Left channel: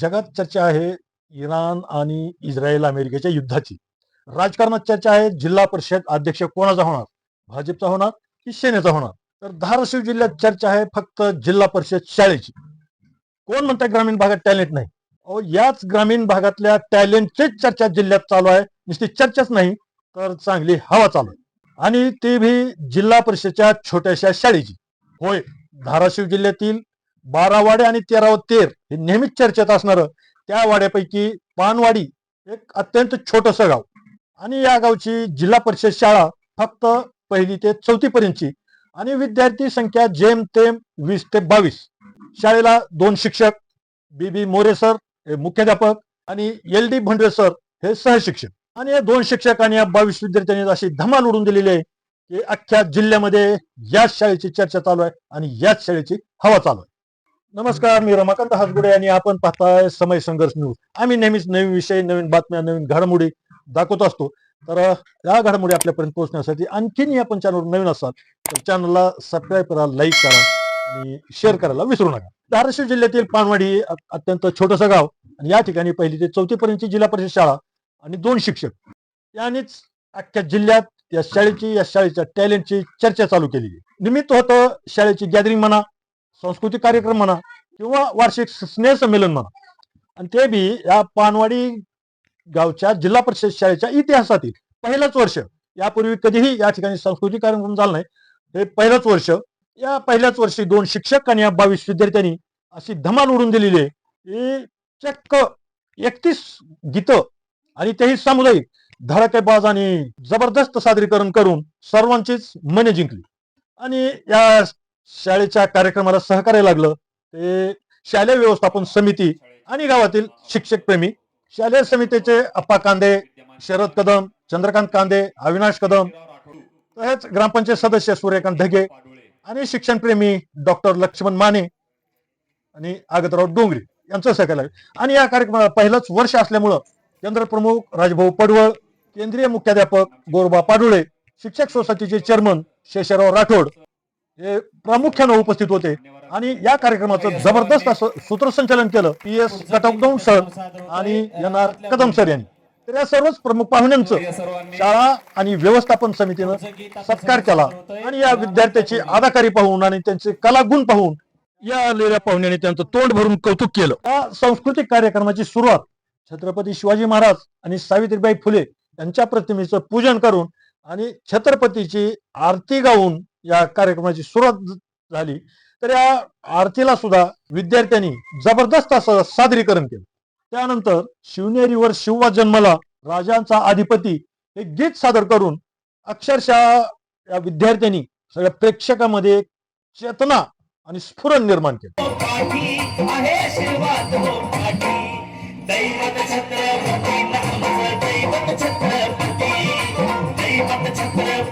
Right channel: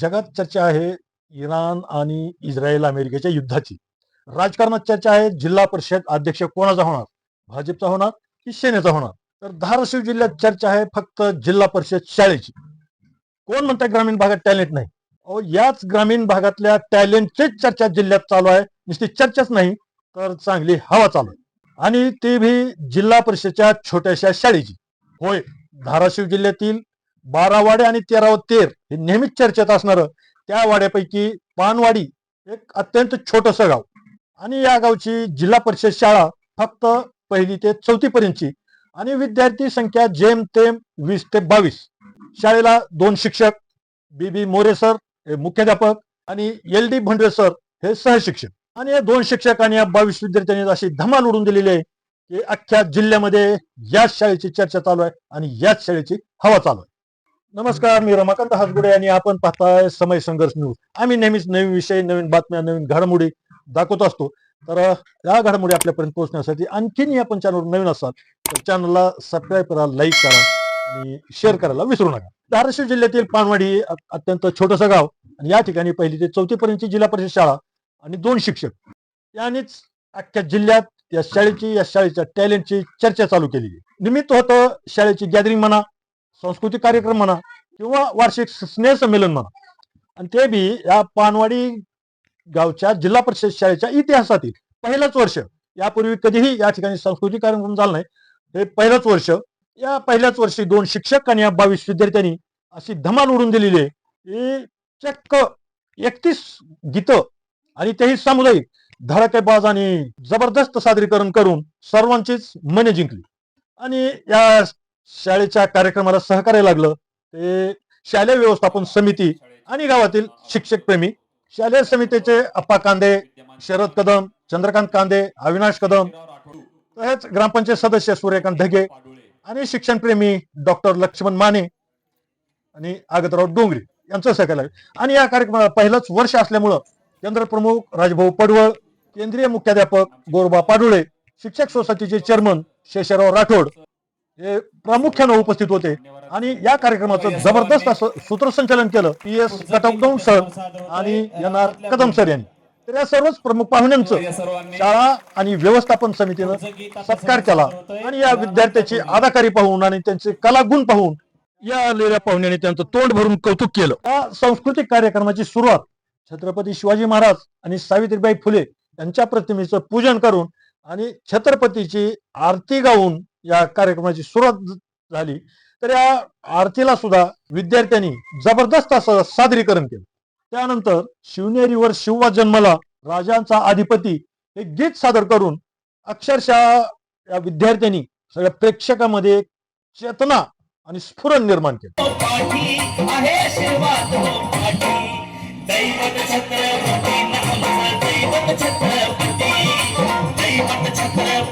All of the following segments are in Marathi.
जगात चर्चा आहे इराण आणि इस्रायल अमेरिकेच्या युद्धाची. राजकारणात चर्चा आहे जिल्हा परिषद अध्यक्ष कोणाचा होणार, भाजपचा होणार की सेनेचा होणार. तर धाराशिव जिल्ह्यात चर्चा आहे फक्त जिल्हा परिषद शाळेची. कोण म्हणतात ग्रामीण भागात टॅलेंट नाही? अहो, याच ग्रामीण भागातल्या टॅलेंटचीच चर्चा जिल्ह्यात चालू आहे. नुसती चर्चाच नाही तर चांगली हवा चालू आहे, आणि ती भी जिल्हा परिषदच्या छोट्याशा शाळेची. होय, धाराशिव जिल्ह्यातील 12 वाडे आणि 13 तेर हे नेहमीच चर्चेत असणार. त्या वाड्यापैकी पानवाडी एक अत्यंत छोटस गाव, आणि या गावची जिल्हा परिषद शाळा फक्त 1ली ते 4थी पर्यंतची, आणि विद्यार्थी संख्या जेमतेम 20 ते 22. शाळेला 2 शिक्षक, बीबी मोरे सर हे मुख्याध्यापक आणि LD भंडवे सर हे सहशिक्षक. आणि या 2 शिक्षक आणि या 22 विद्यार्थ्यांनी अशी धमाल उडून दिलेली आहे की अख्ख्या जिल्ह्यामध्ये याच शाळेची चर्चा चालू आहे आणि याच शाळेची हवा चालू आहे. नमस्कार, मी रमाकांत हासगुडे आणि आपण पाहताय समय संघर्ष न्यूज. आम्ही नेहमीच नवीन विषय, नवीन बातम्या, नवीन घडामोडी दाखवत असतो. तर या घडामोडी आपल्यापर्यंत पोहोचण्यासाठी आणखीन आपण चॅनलवर नवीन असाल तर चॅनलला सबस्क्राईब करा, लाईक करा आणि शेअर करायला विसरू नका. धाराशिव जिल्ह्यातील पानवाडी हे अत्यंत छोटंसं गाव, आणि या ठिकाणी 1ली ते 4थी पर्यंतची जिल्हा परिषद शाळा आणि 2 शिक्षक यांनीच अख्ख्या जिल्ह्यात या शाळेच्या टॅलेंटची चर्चा चालू केली. निमित्त होतं शाळेची गॅदरिंग म्हणा, सांस्कृतिक कार्यक्रम म्हणा किंवा वार्षिक स्नेह संमेलन म्हणा, आणि ते बी या पानवाडी गावच्या जिल्हा परिषद शाळेच्या इतिहासातील पहिलंच वर्ष. यापूर्वी कधीही या ठिकाणी सांस्कृतिक कार्यक्रम झाला नाही, हे पहिलंच वर्ष. या पहिल्याच वर्षी 2 शिक्षक आणि या 22 विद्यार्थ्यांनी अशी धमाल उडून दिलेली आहे की चक्क 31 गीतं, आणि तेही सामुदायिक, धडाकेबाज आणि जबरदस्त सादरीकरण करून सर्वांचीच मने जिंकली. आणि या शाळेच्या कार्यक्रमाला सहकार्य लागलं ते शालेय व्यवस्थापन समिती आणि गावातील शिक्षक प्रेमी. शालेय समितीचे अप्पा कांदे, शरद कदम, चंद्रकांत कांदे, अविनाश कदम, तसेच ग्रामपंचायत सदस्य सूर्यकांत ढगे आणि शिक्षणप्रेमी डॉक्टर लक्ष्मण माने आणि आगतराव डोंगरे यांचं सहकार्य. आणि या कार्यक्रमाला पहिलंच वर्ष असल्यामुळं केंद्र प्रमुख राजभाऊ पडवळ, केंद्रीय मुख्याध्यापक गोरबा पाडुळे, शिक्षक सोसायटीचे चेअरमन शेषराव राठोड हे प्रामुख्याने उपस्थित होते. आणि या कार्यक्रमाचं जबरदस्त असं सूत्रसंचालन केलं PS कटकदौन सर आणि NR कदम सर यांनी. तर या सर्वच प्रमुख पाहुण्यांचं शाळा आणि व्यवस्थापन समितीनं सत्कार केला, आणि या विद्यार्थ्याची अदाकारी पाहून आणि त्यांचे कलागुण पाहून या आलेल्या पाहुण्यांनी त्यांचं तोंड भरून कौतुक केलं. या सांस्कृतिक कार्यक्रमाची सुरुवात छत्रपती शिवाजी महाराज आणि सावित्रीबाई फुले यांच्या प्रतिमेचं पूजन करून आणि छत्रपतीची आरती गाऊन या कार्यक्रमाची सुरुवात झाली. तर या आरतीला सुद्धा विद्यार्थ्यांनी जबरदस्त असं सादरीकरण केलं. त्यानंतर शिवनेरीवर शिवबा जन्मला, राजांचा अधिपती हे गीत सादर करून अक्षरशः या विद्यार्थ्यांनी सगळ्या प्रेक्षकामध्ये चेतना आणि स्फुरण निर्माण केलं.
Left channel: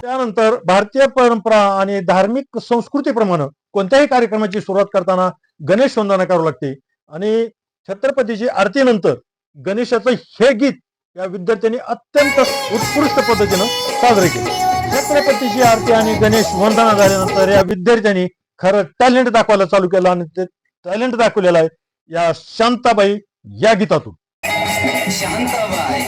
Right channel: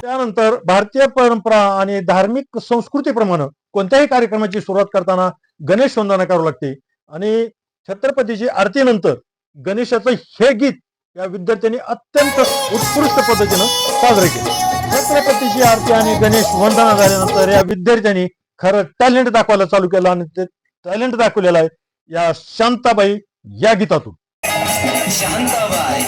त्यानंतर भारतीय परंपरा आणि धार्मिक संस्कृतीप्रमाणे कोणत्याही कार्यक्रमाची सुरुवात करताना गणेश वंदना करावी लागते, आणि छत्रपतीची आरतीनंतर गणेशाचं हे गीत या विद्यार्थ्यांनी अत्यंत उत्कृष्ट पद्धतीनं साजरे केले. छत्रपतीची आरती आणि गणेश वंदना झाल्यानंतर या विद्यार्थ्यांनी खरं टॅलेंट दाखवायला चालू केलं, आणि ते टॅलेंट दाखवलेलं आहे या शांताबाई या गीतातून. शांताबाई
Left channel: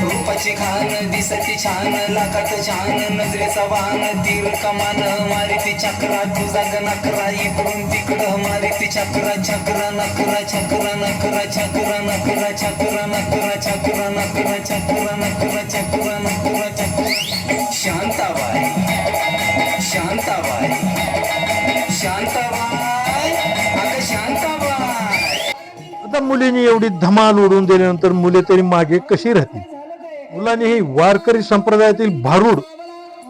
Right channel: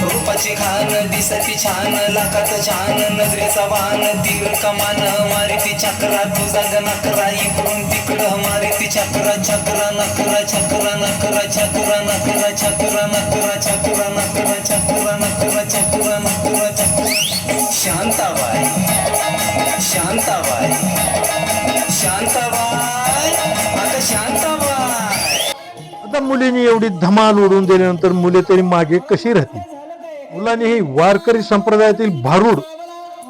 रूपाची खान दिसती छान, लाखात छान नजरेचा वाहन, तीर कमान मारिती चक्रा, तुझा नकरा इकडून तिकडं मारिती चक्रा, चक्रा नकरा, चक्रा नकरा, चक्रा नकरा, चक्रा नकरा, चक्रा नकरा, चक्रा नकरा, चक्रा नकरा, चक्रा. शांताबाई शांताबाई शांताबाई आता शांताबाई. आता मुलींनी एवढी धमाल उडवून दिल्यानंतर मुले तरी मागे कशी राहतील? मुलांनीही वारकरी संप्रदायातील भारूड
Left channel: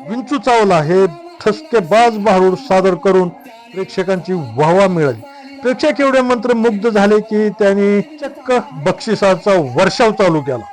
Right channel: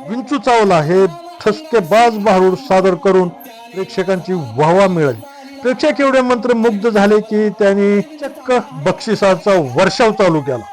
विंचू चावला हे ठसकेबाज भारूड सादर करून प्रेक्षकांची वाहवा मिळाली. प्रेक्षक एवढे मंत्रमुग्ध झाले की त्यांनी चक्क बक्षिसाचा वर्षाव चालू केला.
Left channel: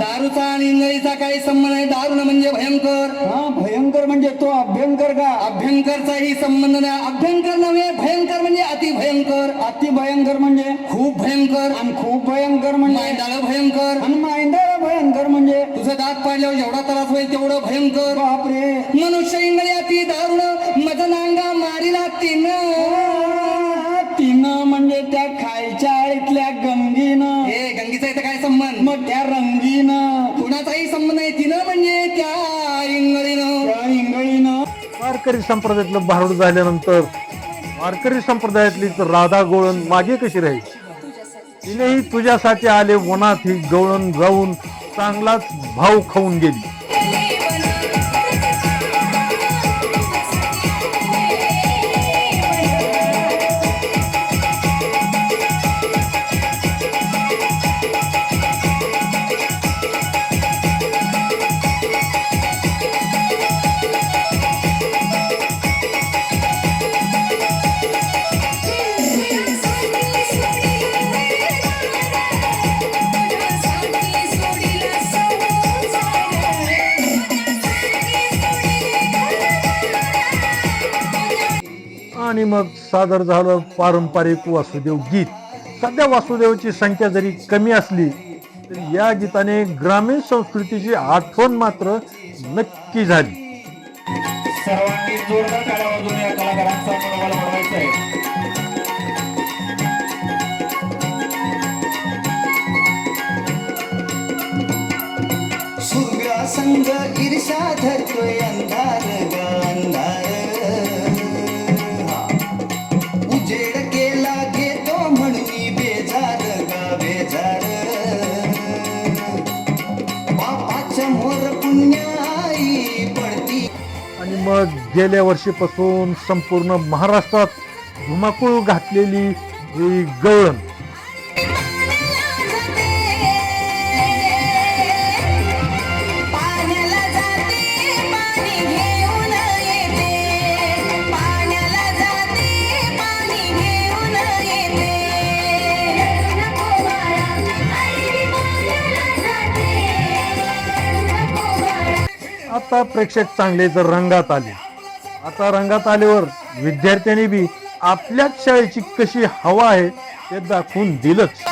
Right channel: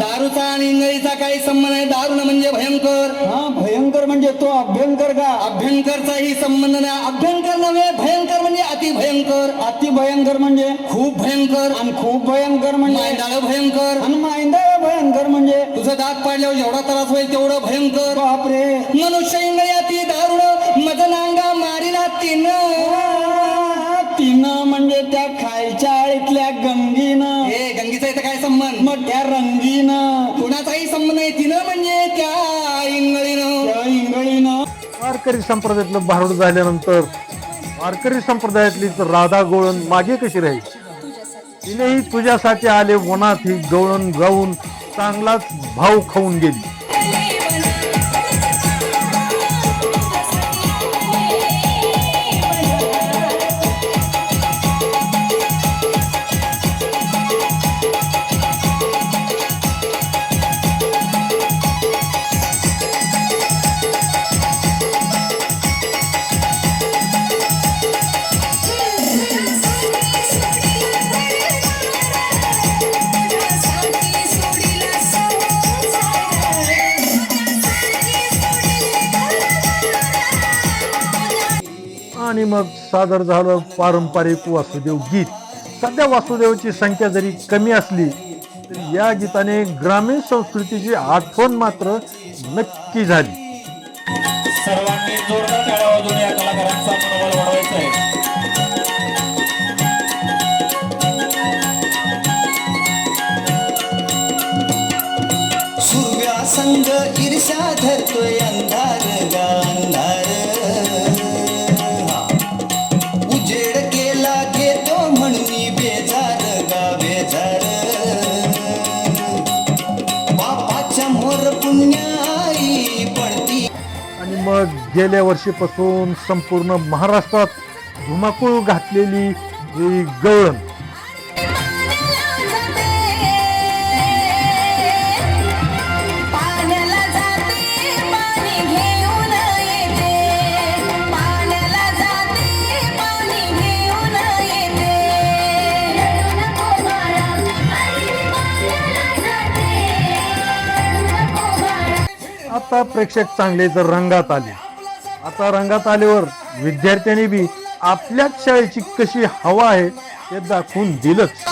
दारूचा आणि इंग्रजीचा काही संबंध आहे? दारुण म्हणजे भयंकर. भयंकर म्हणजे तो अभ्यंकर का? अभ्यंकरचाही संबंध नाही. अभ्यंकर नव्हे, भयंकर म्हणजे अति भयंकर. अति भयंकर म्हणजे खूप भयंकर, आणि खूप भयंकर म्हणजे मांडाळ भयंकर, आणि मांडाळ भयंकर म्हणजे तुझं दात पाडल्यावर जेवढा त्रास होईल तेवढं भयंकर. बापरे. मनुष्य इंगळी अति दारुण मज नांगा मारिला तिनं म्हणजे त्या खायच्या आळीतल्या गंगीनं. हे गंगीचा इथं काय संबंध? मग त्या रंगीनं कुणाचाही संबंध नाही. तिनं म्हणजे त्या इंगळीनं. वारकरी संप्रदायातलं भारूड झाल्यानंतर वारकरी संप्रदायातली तर राधा गवळण मागे कशी राहील? तिनेही तुझ्यासाठी आले वनात ही गवळण गाऊन चांगलाच भाव खाऊन गेली. आणि मग सादर झालं पारंपरिक वासुदेव गीत. सध्या वासुदेवची संख्या जरी कमी असली तरी या गीताने ग्रामीण संस्कृतीची आठवण मात्र नक्की झाली. सर्वांनी जोरात टाळ्या वाजवून या कलाकारांचा मनोबल वाढवायचा आहे. सूर्या संग ईर्ष्या धरतोय अंधार गांधार, उजेड केला घेतो म्हणून बेजार गा बेजार, बापाच्या मोर पुण्याई पडती. आणि मग गेल्या वर्षीपासून संपूर्ण महाराष्ट्रात धुमाकूळ घातलेली ही गवळण. आता प्रेक्षक चांगले जर रंगात आले. आता रंगात आल्यावर विद्यार्थ्यांनी बी आपल्याच शाळेची कशी हवा आहे ते दाखवून दिलंच.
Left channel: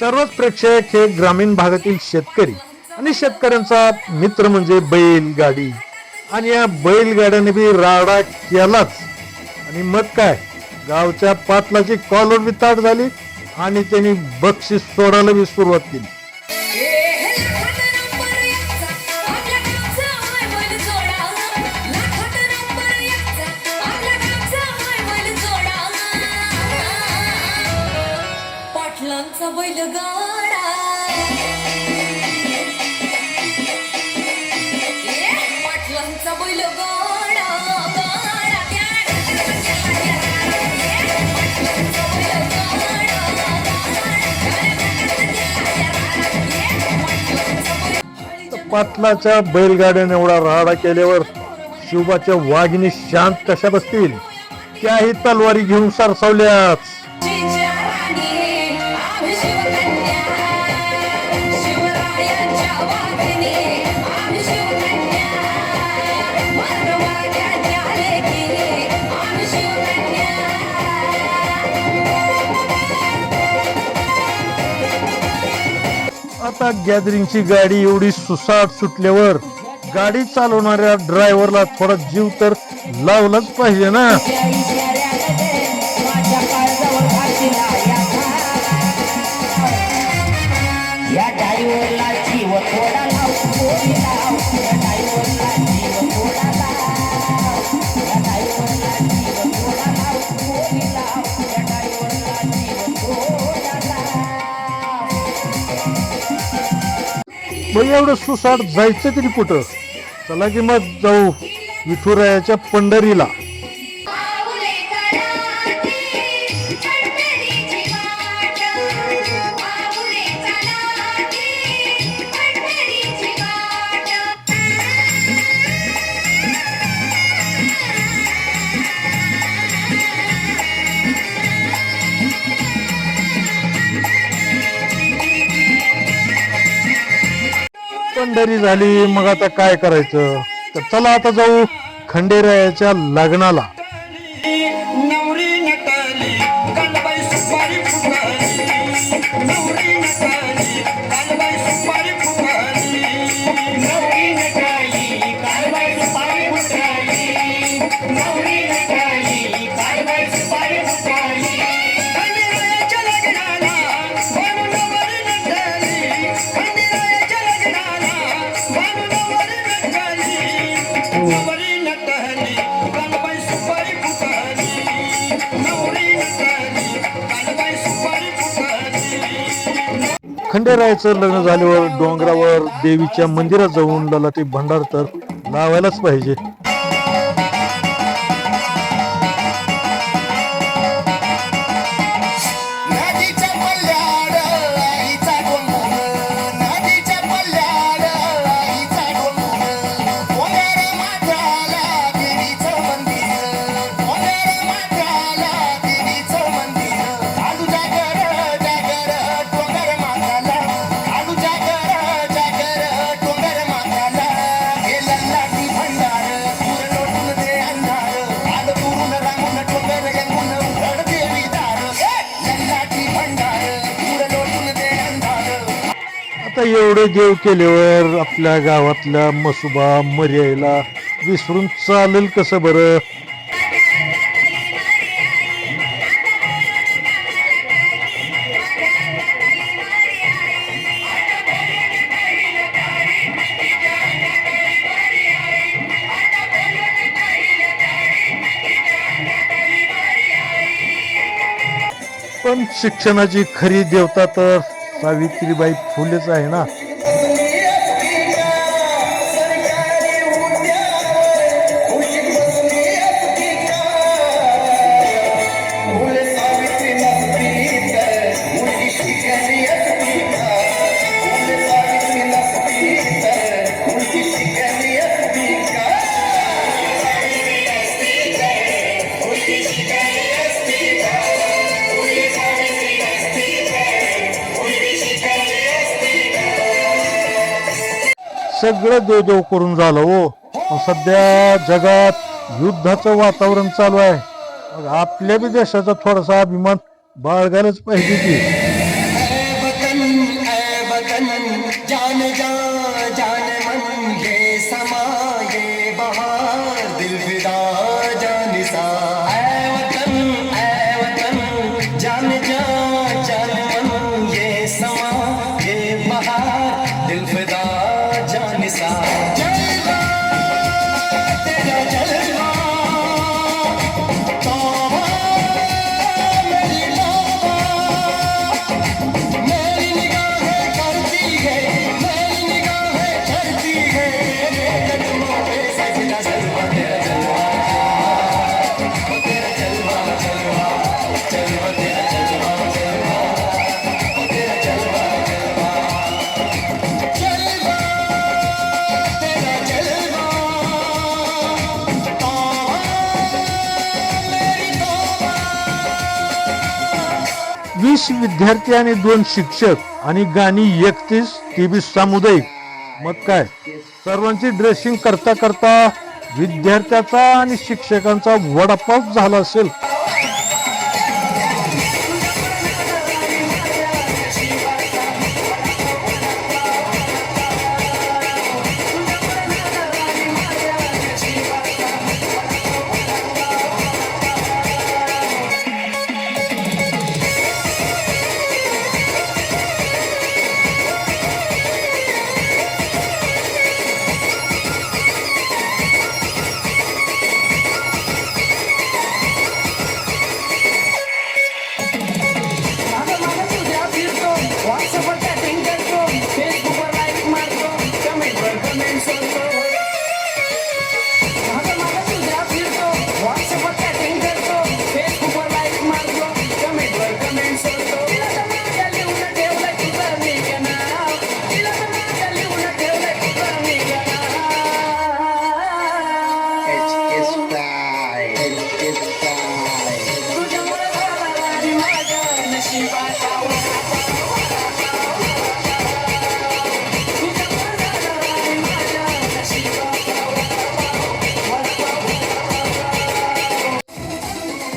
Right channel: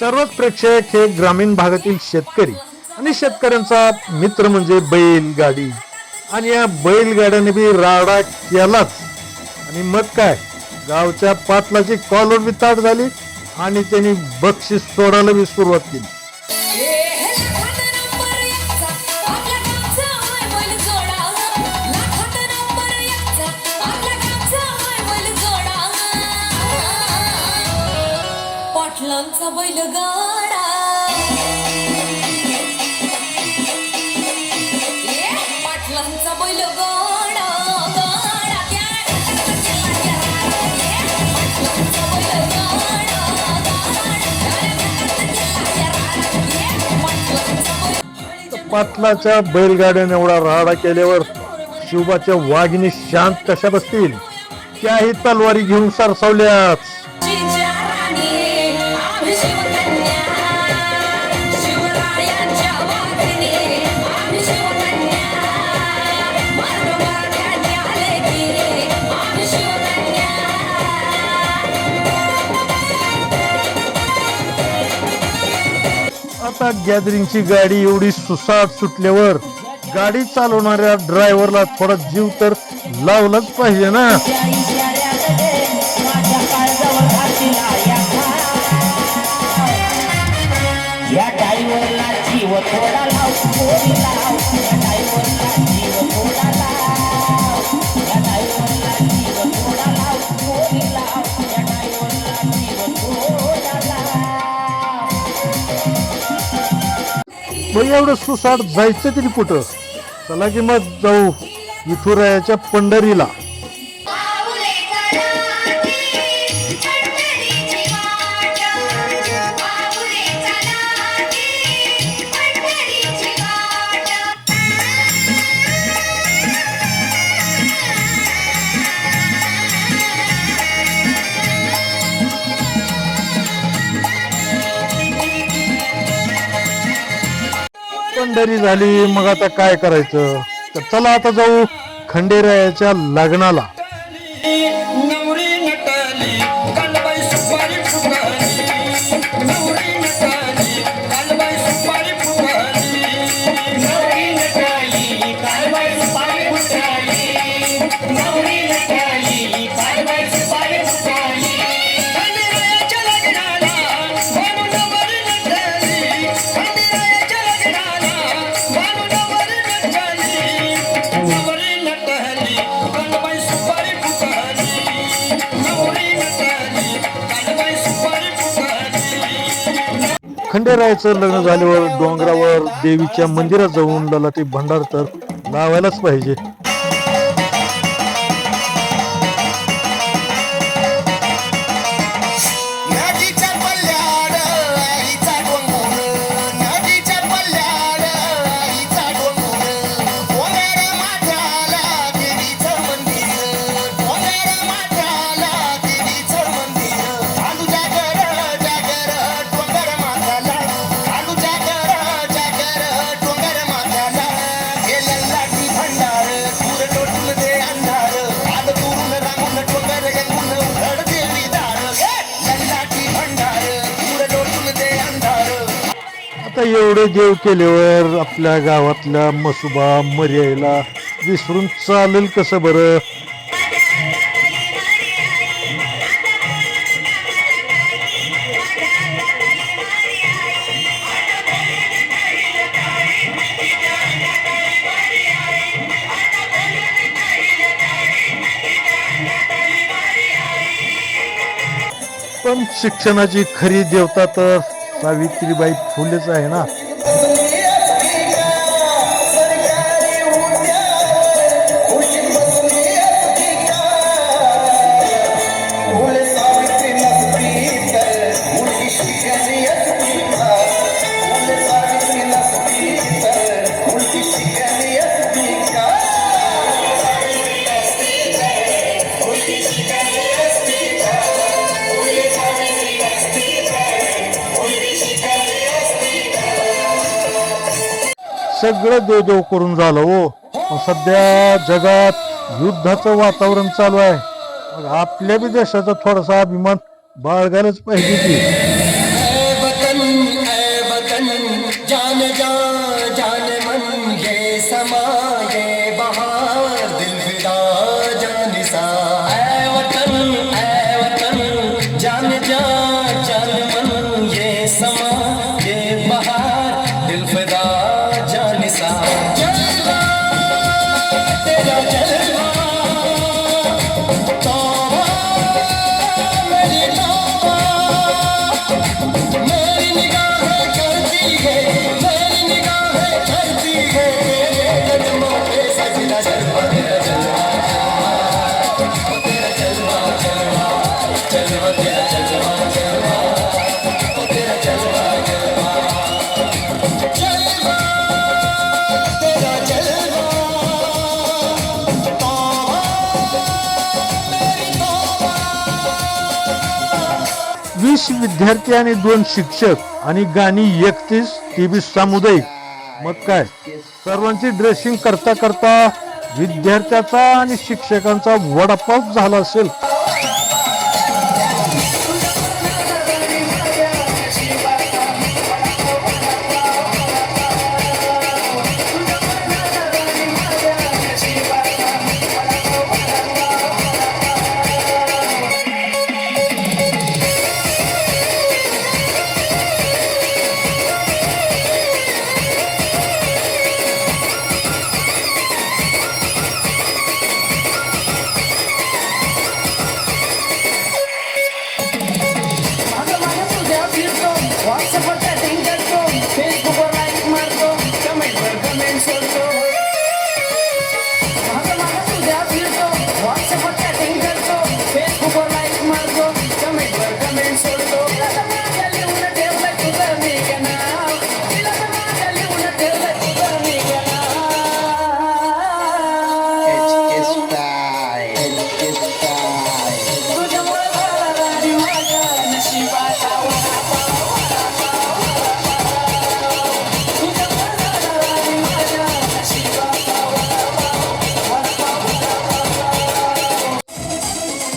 सर्वच प्रेक्षक हे ग्रामीण भागातील शेतकरी आणि शेतकऱ्यांचा मित्र म्हणजे बैलगाडी. आणि या बैलगाड्याने बी राडा केलाच. आणि मग काय, गावच्या पाटलाची कॉलर बी ताट झाली आणि त्यांनी बक्षीस सोडायला बी सुरुवात केली. पाटलाच्या बैलगाड्याने एवढा राडा केल्यावर शिवबाच्या वाघिणी शांत कशा बसतील? त्याही तलवारी घेऊन सरसावल्याच. आता गॅदरिंगची गाडी एवढी सुसाट सुटल्यावर गाडी चालवणाऱ्या ड्रायव्हरला थोडा जीव तर लावलाच पाहिजे ना. मग एवढं सुसाट जायचं तरी कुठं? चला की मग जाऊ विठुरायाच्या पंढरीला. पंढरी झाली, मग आता काय करायचं? तर चला आता जाऊ खंडेरायाच्या लग्नाला. नवरी नटली कालबाई सुपारी फुगली, नवरी नटली कालबाई सुपारी फुगली, नवरी नटली कालबाई सुपारी फुगली, नवरी नटली कालबाई सुपारी फुगली. खंडेरायाच्या लग्नाला म्हणून नवरी नटली, खंडेरायाच्या लग्नाला म्हणून नवरी नटली, नवरी नटली कालबाई सुपारी फुगली, नवरी नटली कालबाई सुपारी फुगली. खंडेरायाचं लग्न झाल्यावर डोंगरावर देवीच्या मंदिरात जाऊन ललाटी भंडार तर लावायलाच पाहिजे. नदीच्या पल्ल्यावर आईचा डोंगर, नदीच्या पल्ल्यावर आईचा डोंगर, डोंगर माथ्याला देवीचं मंदिर, डोंगर माथ्याला देवीचं मंदिर. आलू जागर जागर डोंगर माथ्याला, आलू जागर जागर डोंगर माथ्याला. हे लल्लाटी भंडार दूर लोटून दे अंधार, आलं दुरून रांगून डोंगर गेंगून उघड देवी दार. लल्लाटी भंडार दूर लोटून दे अंधार. आता एवढे देव केल्यावर आपल्या गावातल्या मसुबा मर्यायला विसरून चालेल कसं बरं? पण शिक्षणाची खरी देवता तर सावित्रीबाई फुलेच आहे ना. सगळं देवदेव करून झालं हो, पण सध्या जगात युद्धाचं वातावरण चालू आहे. मग आपल्या बी देशाचा थोडासा अभिमान बाळगायलाच पाहिजे की. ऐ वतन जान जा जान मन ये समा ये बहार दिल फिदा जान सा. ऐ वतन जान जा जान मन ये समा ये बहार दिल फिदा जान सा. जलवा तेरा जलवा तौबा मेरी तौबा. मेरी निगाहें करती है, मेरी निगाहें करती है, कदमों पे सजदा जलवा तेरा जलवा, ओ तेरा जलवा जलवा जलवा तेरा जलवा जलवा, ओ तेरा जलवा जलवा जलवा तेरा जलवा. तौबा मेरी तौबा. 20 विद्यार्थी आणि 2 शिक्षक आणि गाणी 31 ती बी सामुदायिक. मग काय, सर्वांची ड्रेसिंग करता करता विद्यार्थ्याचा आणि शिक्षकांचा वडापाव झाला असेल.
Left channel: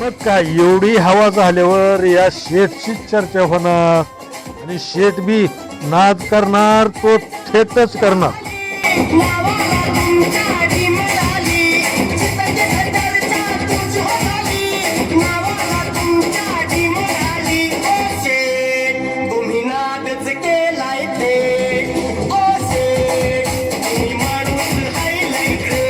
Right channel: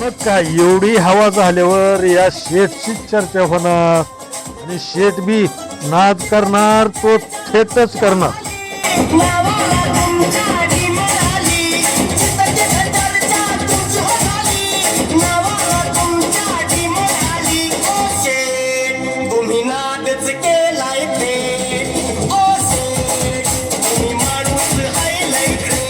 मग काय एवढी हवा झाल्यावर या शेठची चर्चा होणार आणि शेठ बी नाद करणार तो थेटच करणार. तुम्ही नादच केलाय ते ओ शेठ, तुम्ही माणूस हायलाय ते.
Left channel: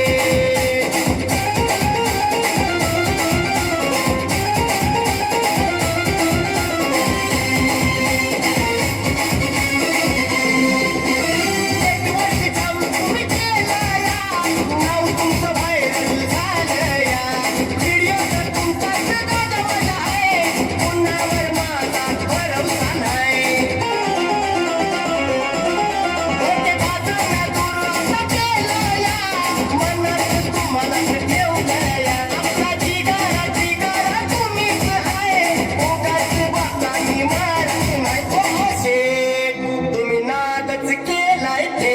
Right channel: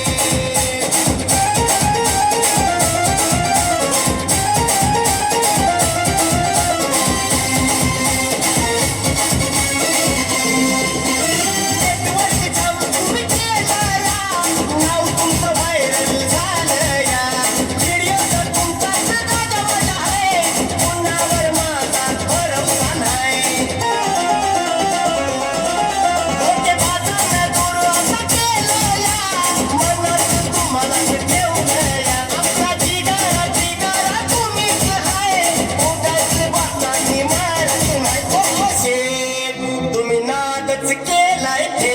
तुम्ही नादच केलाय ते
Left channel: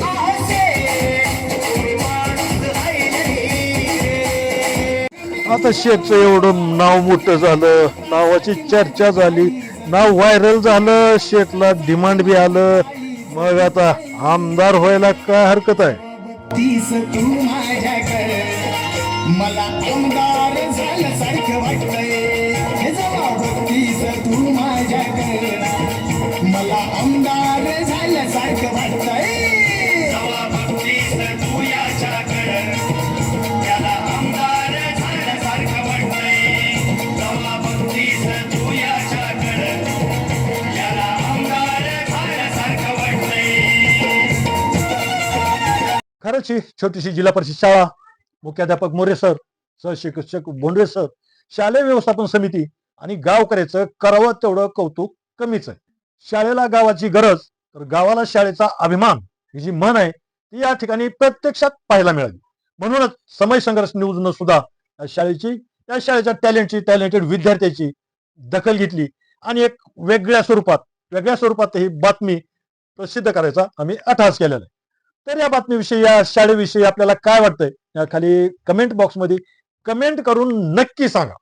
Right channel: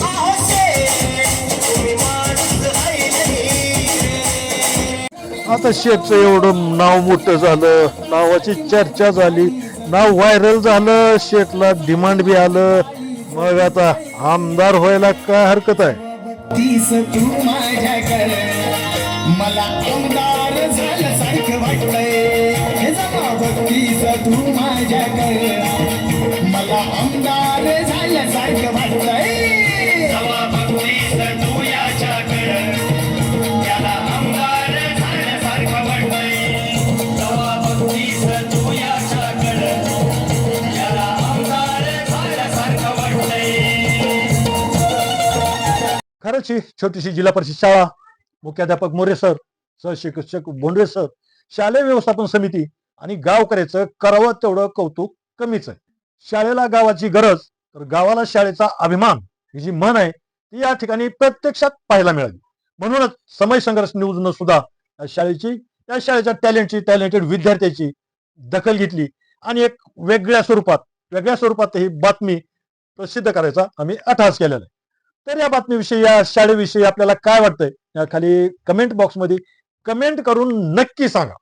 अहो शेठ, तुम्ही माणूस हायलाय. आता शेठचं एवढं नाव मोठं झालं, नावाची चर्चा झाली, नाव व्हायरल झालं, शेठला डिमांड बी आलं, मग आता आमदार व्हायला काय हरकत आहे. तीस तू माझ्याकडे मला आमदार झाल्यासारखं वाटतंय. हे जरा बघतीस तू माझ्याकडे मला आमदार झाल्यासारखं वाटतंय. जेव्हा बघतीस तू याच्याकडे त्याला आमदार झाल्यासारखं वाटतंय. जेव्हा बघतीस तू याच्याकडे त्याला आमदार झाल्यासारखं वाटतंय. खरंच ही छोटीशी जिल्हा परिषद शाळा, मुख्याध्यापक मोरे सर, सहशिक्षक बोंडरे सर, शालेय व्यवस्थापन समिती आणि गावकऱ्याचं करावं तेवढं कौतुक कमीच आहे. शाळेला गावाची गरज तर गावाला शाळेचा अभिमान ही जी म्हण आहे ती या ठिकाणी प्रत्यक्षात पाहायला मिळाली. म्हणूनच समय संघर्ष न्यूजनं सुद्धा या शाळेच्या टॅलेंटेड विद्यार्थ्याची दखल घेतली आणि एक वेगळ्या स्वरूपात ही बातमी प्रसिद्ध करायचा आम्ही अट्टहास केलेला आहे. तर या बातमीविषयी, या शाळेविषयी आपल्याला काय वाटतंय या खाली कमेंट बॉक्समध्ये कमेंट करून नक्की सांगा.